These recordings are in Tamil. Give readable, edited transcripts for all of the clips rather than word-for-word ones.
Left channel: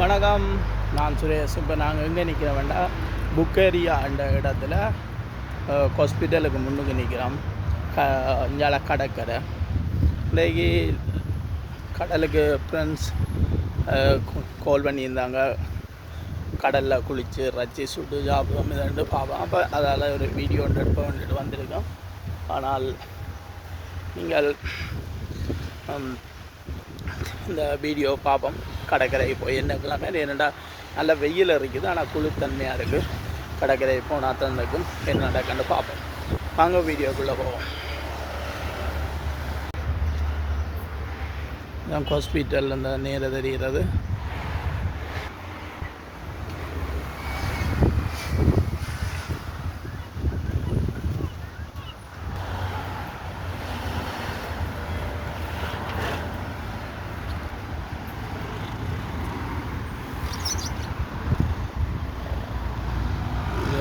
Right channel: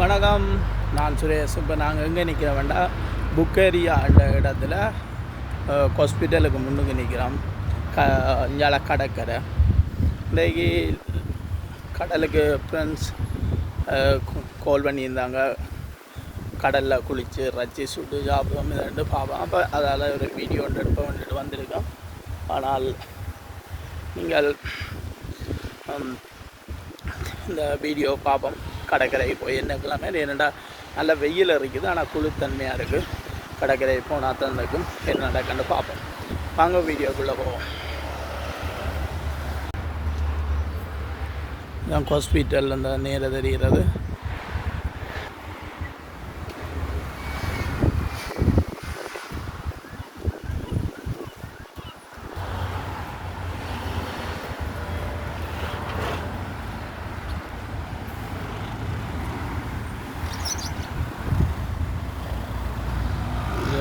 வணக்கம், நான் சுரேஷ். இப்போ நாங்கள் எங்கே நிற்கிறோம் வேண்டாம், புக்கேரியா என்ற இடத்துல ஹாஸ்பிட்டலுக்கு முன்னுக்கு நிற்கிறோம். இஞ்சால கடற்கரை. இன்றைக்கு கடலுக்கு ஃப்ரெண்ட்ஸ் கால் பண்ணியிருந்தாங்க. கடலில் குளித்து ரச்சி சுட்டு சாப்பிடுவோம் ரெண்டு பார்ப்போம். அப்போ அதால் ஒரு வீடியோ ஒன்று எடுப்போம் வந்திருக்கோம். ஆனால் நீங்கள் இந்த வீடியோ பார்ப்போம். கடற்கரை போய் என்ன கிழமை என்னடா நல்ல வெயில் இருக்குது, ஆனால் குளிர்தன்மையாக இருக்குது. கடற்கரை போனால் தான் இருக்கும் என்ன நடக்குன்னு பார்ப்போம். வாங்க வீடியோக்குள்ளே போவோம். இதான் ஹாஸ்பிட்டல் அந்த நேர தெரிகிறது.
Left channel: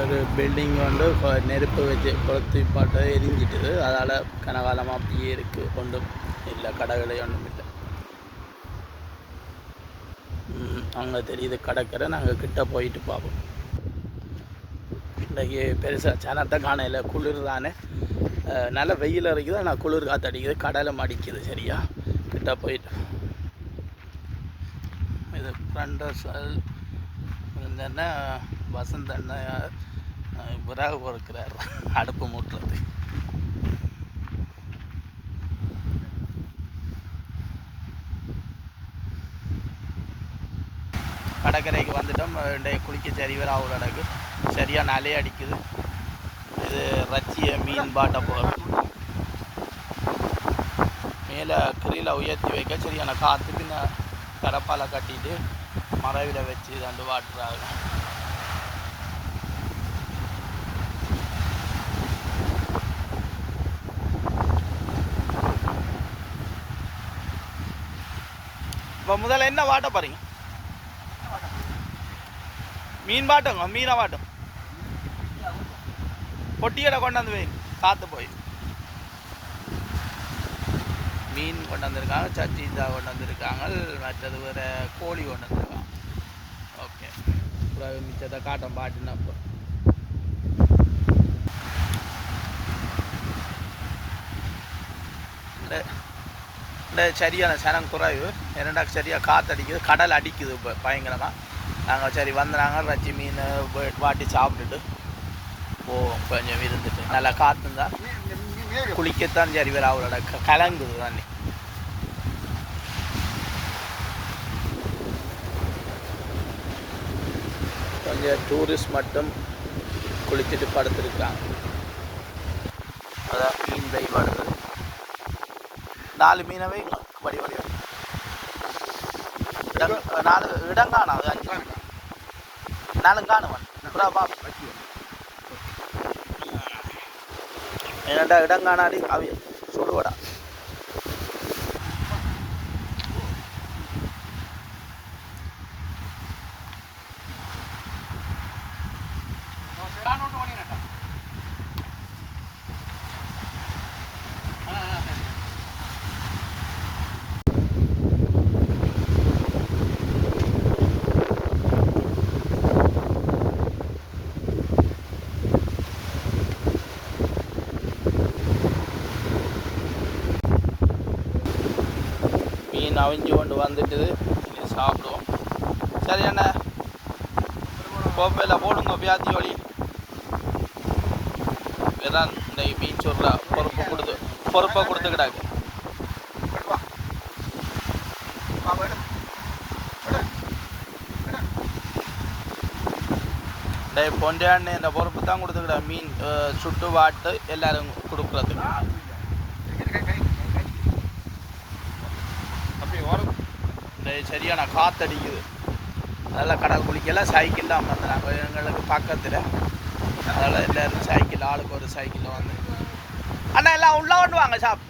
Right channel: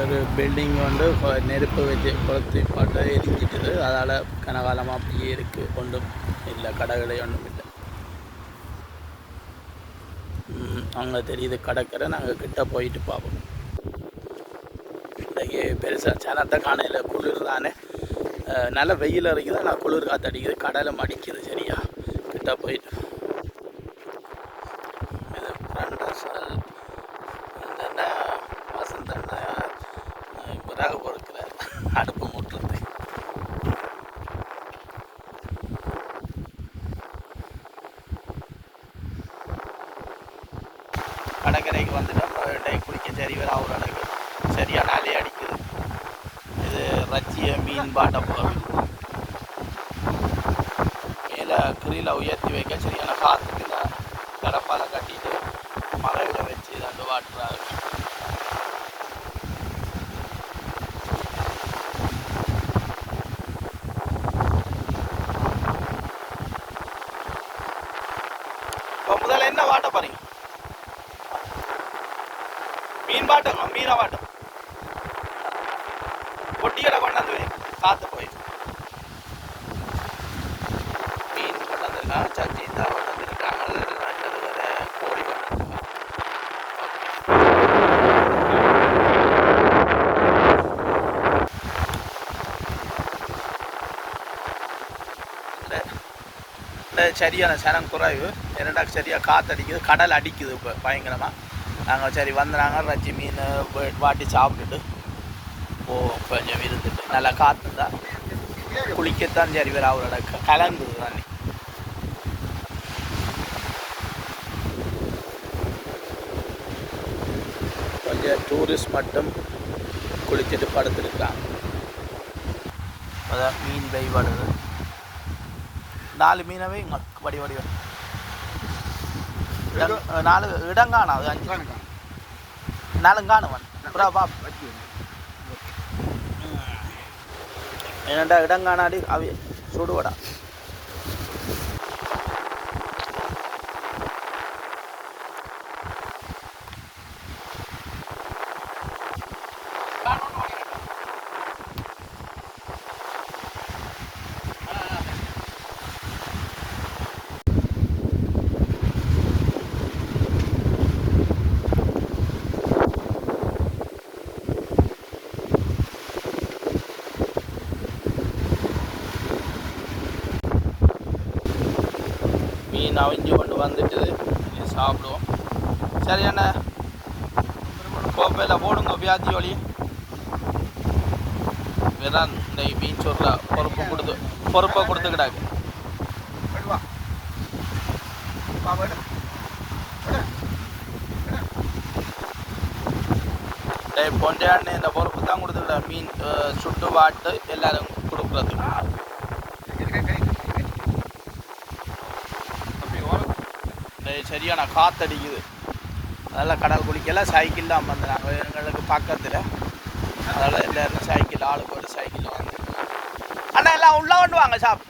ஒரு பில்டிங் வந்து நெருப்பு வச்சு கொளுத்தி பாட்டு எரிஞ்சிட்டுது. அதால் கனகாலமாக அப்படியே இருக்குது. ஒன்றும் இல்லை, கடைகளை ஒன்றும் இல்லை. அங்கே தெரியுது கடற்கரை. நாங்கள் கிட்ட போயிட்டு பார்ப்போம். இன்றைக்கி பெருசாக சனத்தை காணையில் குளிர் தானே, நல்ல வெயில் இருக்குது, ஆனால் குளிர் காற்று அடிக்குது, கடலை மடிக்குது. சரியா கிட்ட போயிட்டு இது ஃப்ரெண்டர்ஸல் என்ன வசந்த விறகு பொறுக்கிறார் அடுப்பு மூட்டுறது. கடற்கரைக்கு வந்துட்டோம். குளிக்க சரி வேறு அவ்வளோ எனக்கு சரியாக நாளே அடிக்குது. இது ரச்சிய மீன் பாட்டை போகிறோம். மேலே கிரியில் உயர்த்தி வைக்க சரியான காற்றுக்கு நான் கடப்பால் கட்டிட்டு மறைவிட வச்சு ரெண்டு வாட்டுறாரு. இப்போ முதல்ல என்ன வாட்ட போறீங்க? மீன் வாட்டுங்க, மீனை வாட்டும். பொட்டிகளை கொண்டாந்து வை, காத்து போய் மீன் கொண்டு வந்திருக்காங்க, சச்சீதா கொண்டு வந்திருக்காங்க, மற்றது வேற கோழி கொண்டு வந்திருக்காங்க. சரியான சனம் குறைவு. இரண்டாக்கு சரியாக காற்றடிக்குது, கடல் அடிக்குது இப்போ பயங்கரமாக. நாங்கள் சரி வந்துடுறாங்க, ரச்சி மீன் வாட்டி சாப்பிட்டுட்டு கொஞ்சம் இருந்துட்டு நல்லா காற்றுங்க. குளிக்கத்தான் சரி வேறு அவரோட கலங்குது தண்ணி. கொஞ்சம் டூரிஸ்ட் மட்டும் குளிச்சுட்டு படுத்துருக்குறாங்க. அதான் மீன் பைவாடுது. 4 மீனவை வடி 4 இடம் காணும். அது 5 4 காணுவன் என்னடா இடம் காணாடி அவி சுடுவடா. மீன் அவிஞ்சு கொண்டு வந்துட்டு சாப்பிடுவோம். சரி என்ன கோப்பையில் போடுங்க வியாதி ஒளி. வேறான் இந்த மீன் சொல்ல பொறுப்பை கொடுத்துக்கிட்டாங்க. பொண்டையான்னு இந்த பொறுப்பு தான் கொடுத்துக்கிட்டா. மீன் சுட்டு வாட்டு எல்லாரும் கொடுக்குறதுக்கு. சரியான காற்றடிக்குது. அதெல்லாம் கடல் குளிக்கலாம். சைக்கிள் தான் வந்து நாங்கள் எங்களுக்கு பக்கத்தில். அதனால் எல்லோரும் சைக்கிள், ஆளுக்கு ஒரு சைக்கிளில் வந்துருக்காங்க. அண்ணா எல்லாம் உள்ளே கொண்டு வாங்க. சாப்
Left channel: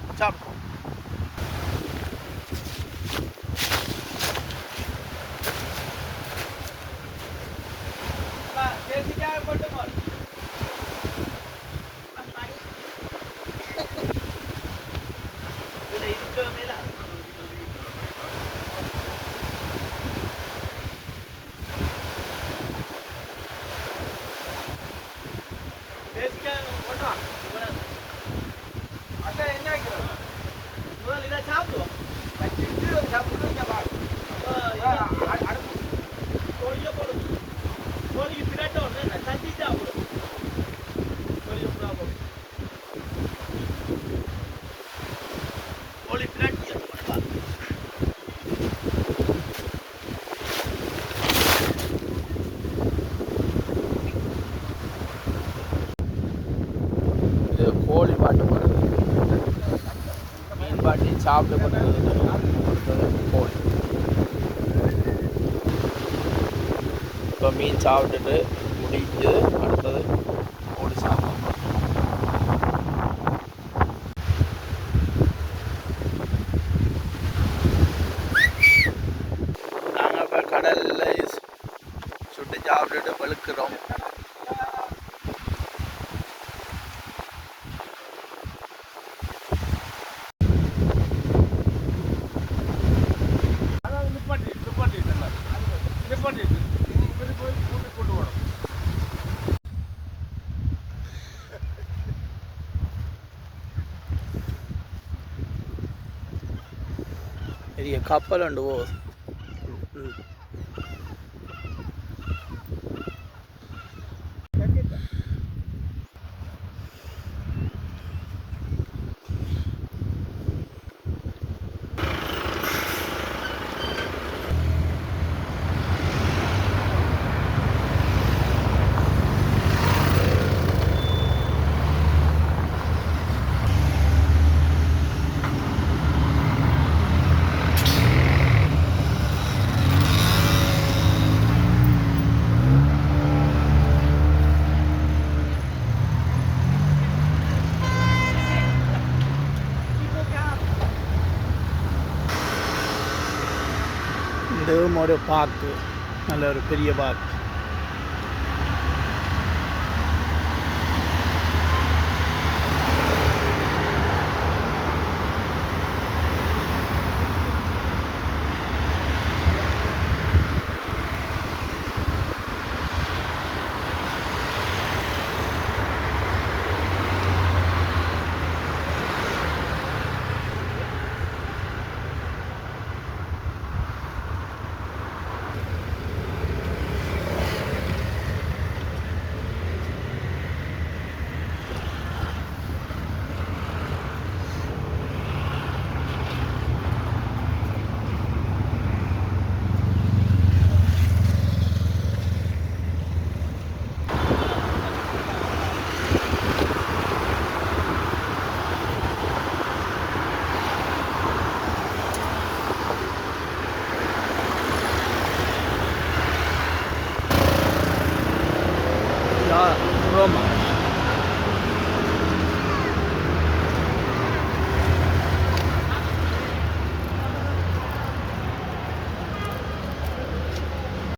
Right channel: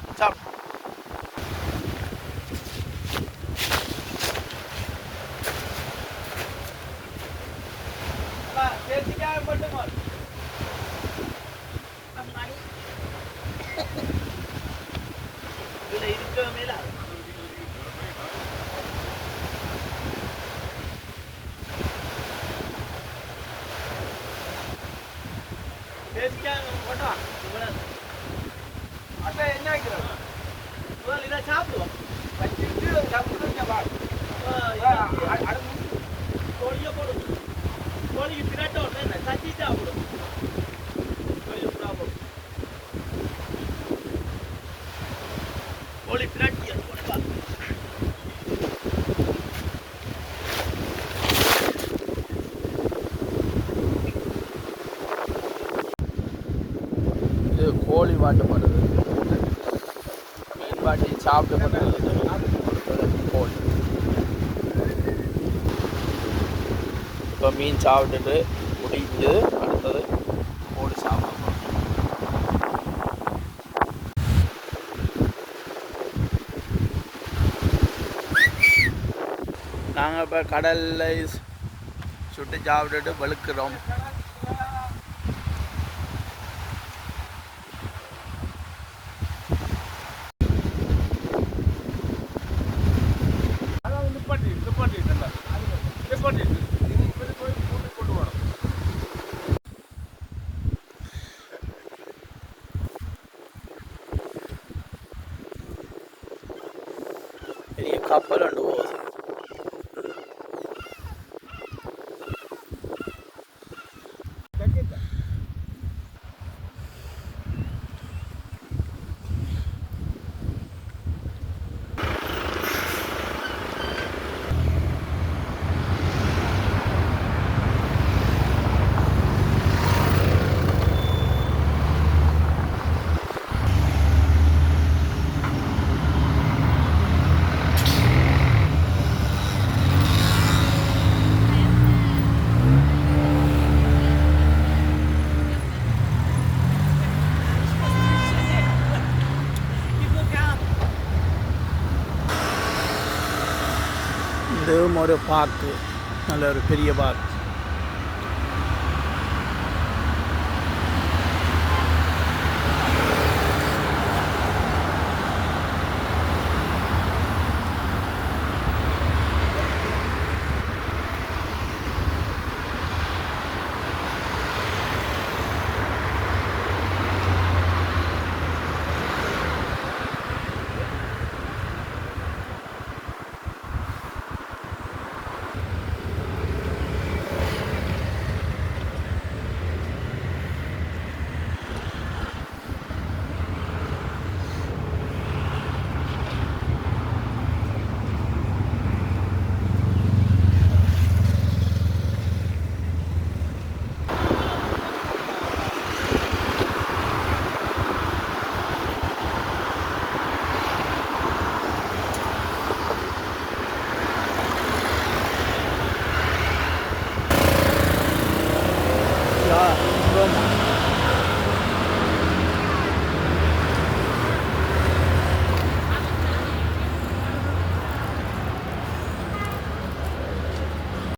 இது கோழி வாட்டப்படுறது, மீன் வாட்டி சாப்பிடப்படுறது, அடுத்தது கோழி. இப்போ மீன் சாப்பிட்டுட்டு முடிஞ்சு அடுத்தது கோழி சாப்பிடணும். நாங்கள் இப்போ கடலில் சுட்டு சாப்பிட்டுட்டு வெளுக்கிறோம். பெரிய கப்பல் உண்டு போகுது. இதுவும் ஒரு பார்க்கு, நல்ல ஒரு பெரிய பார்க்.